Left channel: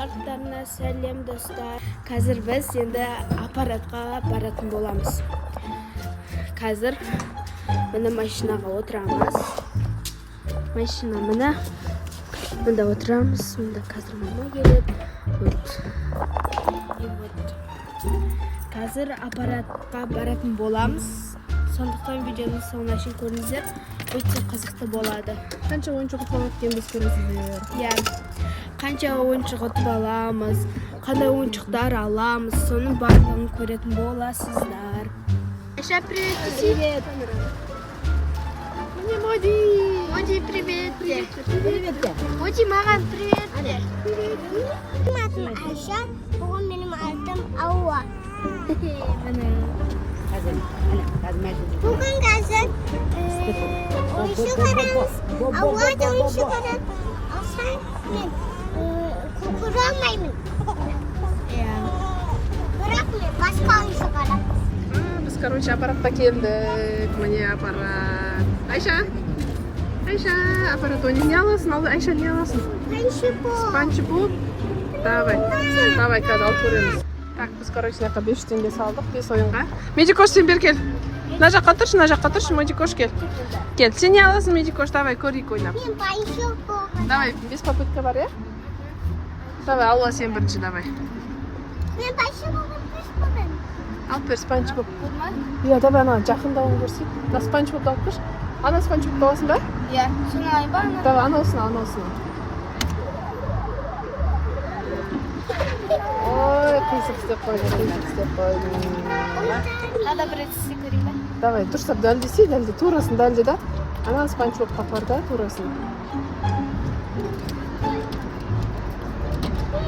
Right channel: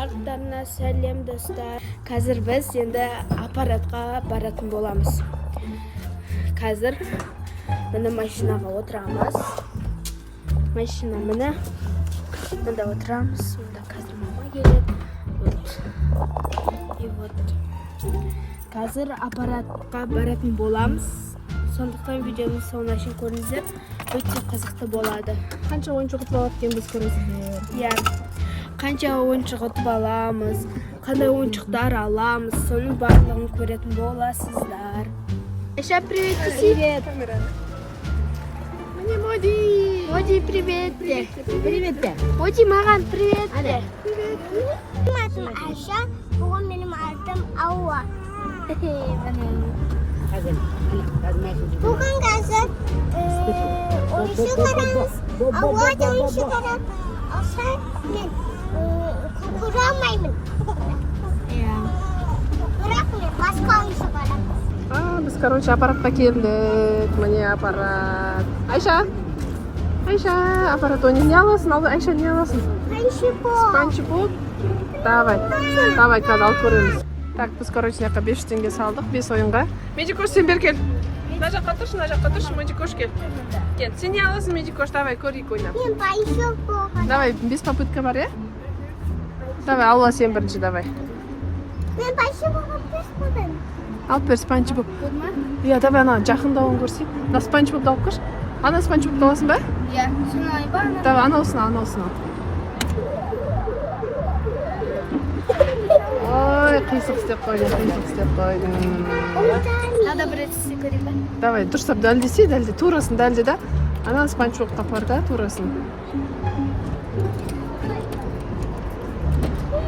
барлықтарына сәлем достар. Қазір біз енді аппаратқа баратын боламыз. Қазір мына машинаға отырамыз. Машина мына. Мында отырамыз. Мында қазір мама келеді. И вот. Қазір аппаратқа баратын боламыз. Сондықтан видеоны соңына шейін көріңіздер. Өте қызықты болады. Қанша ойыншық ұтып алып екенбіз көресіздер. Иә. Қанша ойыншық ұтып аламыз, қандай ойыншықтар аламыз, соның барлығын көретін боласыздар. Айша, привет, Киси. Привет, Міне Моди. Моди, привет. Привет. Моди, маған привет. Менің атым Айша, бұған менің атым Ауа. Бүгін қазір ойыншық арамыз. Ауа да ойыншық арам. Алса мен көре алмаймын. Бірақ мен басқа ойыншық арам. Біз, короче, аппаратқа келдік. Міне аппарат. Айша, аппарат ойнап не аласың? Айша, не аласың? Спанчбоб. Давай, қазір алып көреміз. Так, біз, короче, 5 теңге салдық, 5 ойынға. Медикош, сен бер кел. Мына жаққа тұршы, Медикош кел. Кел, сен не аласың, Медикош? Давай, көрейік ойнап. Мен байшық болған. Давай, 5 попытка бар, е? Давай, Алла, сен бірінші, давай. Мен байшық болған 5 болған. Алып бер, Спанчбоб. Иә, давай, ана жақында ол көрсен. Да, Спанчбобты алып көрші. Ана Спанчбобты аласың ба? Иә, сен айба. Давай, анаусын. Ой, қисық істеп қойды. Надо бір етсі көрейін ба? Давай, дұрыстап дәлдесе, турасын дәлде да. Ана Спанчбобқа бар да, турасын.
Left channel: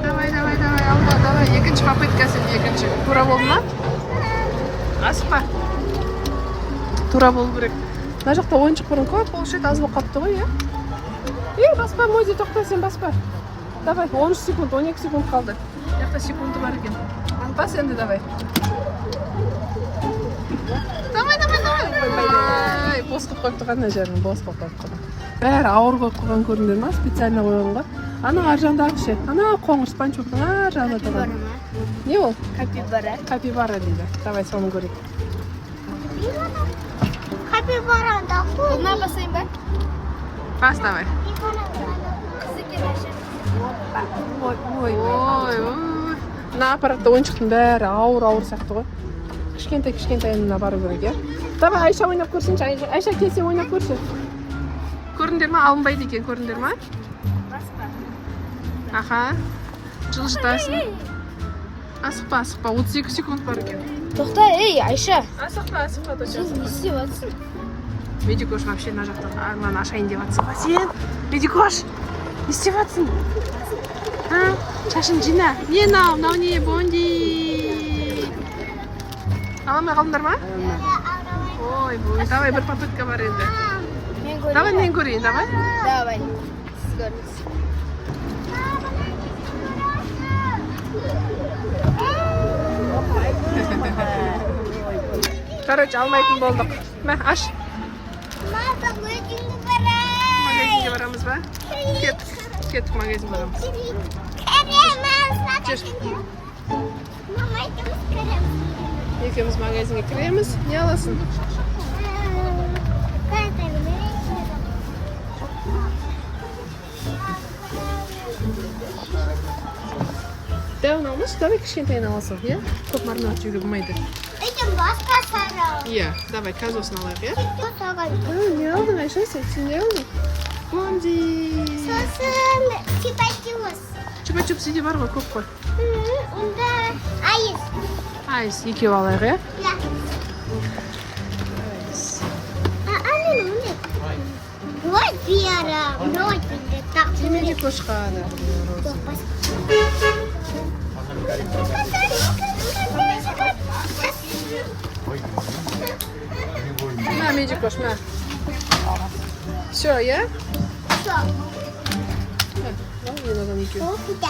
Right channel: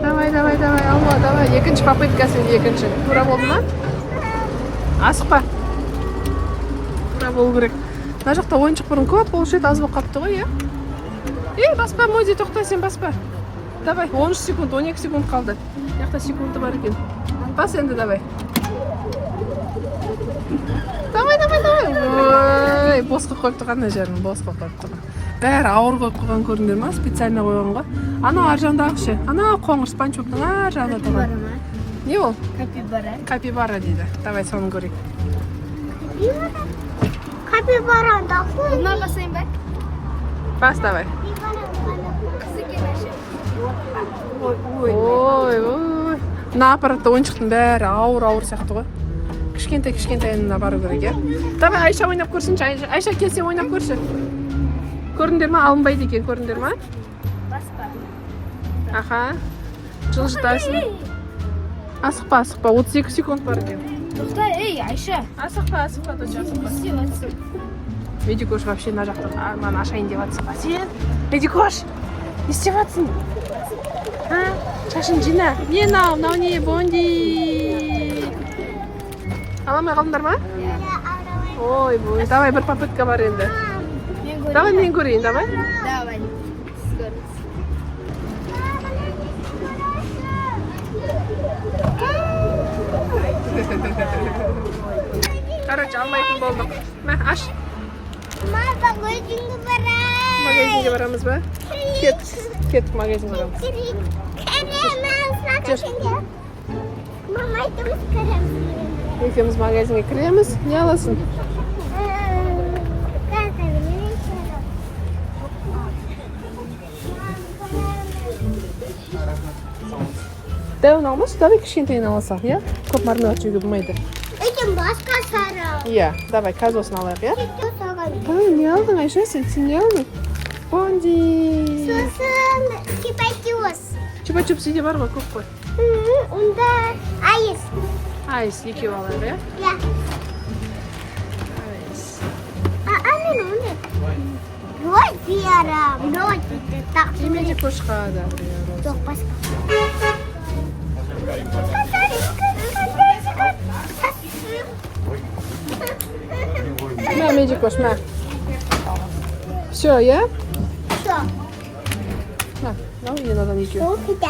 Давай, Алла, давай. Екінші попытка сенде, екінші. Тура болды ма? Асықпа. Тура болу керек. Мына жақта ойыншық бұрын көп болушы еді, аз болып қапты ғой, е? Баспа, Моди, тоқта, сен баспа. Давай, 13 секунд, 12 секунд қалды. Яқта секунды бар екен. Бас енді, давай. Давай. Ой, босқа қойыпты қандай жарым, босқа қойыпты. Бәрі ауыр қойып қойған көріңдер ма? Специально қойған ғой. Ана ар жағындағы ше. Ана қоңыр Спанчбобтың ар жағында тұрған. Не ол? Капибара дейді. Давай, соны көрейік. Капибарада қой. Бұна басайын ба? Бас, давай. Ой. Мына аппаратта ойыншықтың бәрі ауыр сияқты ғой. Кішкентай бару керек, е? Давай, Айша ойнап көрсінші. Айша, келсе ойнап көрші. Көріңдер ма? Алынбайды екен, көріңдер ма? Баспа. Аха. Жылжытасың. Асықпа. 32 секунд бар екен. Тоқта, ей, Айша. Асықпа, доча, асықпа. Не істеватсың? Медикош вообще мына жақта маған ашайын деп жатсың ба сен? Медикош, не істеватсың? Шашын жина. Не мынау не, Бонди? Аламай қалдыңдар ма? Ой, давай, бір попытка бар енді. Давай, мен көрейін, давай. Давай. Короче, алмайтын болдық. Мә, аш. Магазинге барамыз ба? Кеттік магазинге барамыз. Мама, айтымыз көреміз. Екеуміз магазинге кіреміз. Не аласың? Дәуін алмас, давай кішкентейін аласақ, е? Көп мармелад жеуге болмайды. Өйтін басқа сара. Иә, давай, казосын алайық, е? Не алдың, Айша, сен не алдың? Бонди! Сосын чипачус. Чупа-чуп сенде бар ғой, көп қой. Онда айыз. Айс, екеу алайық, е? Иә. Айс. Рот берем. Рот берем. Так. Демеге көшқа да біреу роз. Жоқ, басқа. Ма, Медикош, ма. Все, я? Все. Ма, ал, мен адам екеу. Ол куда?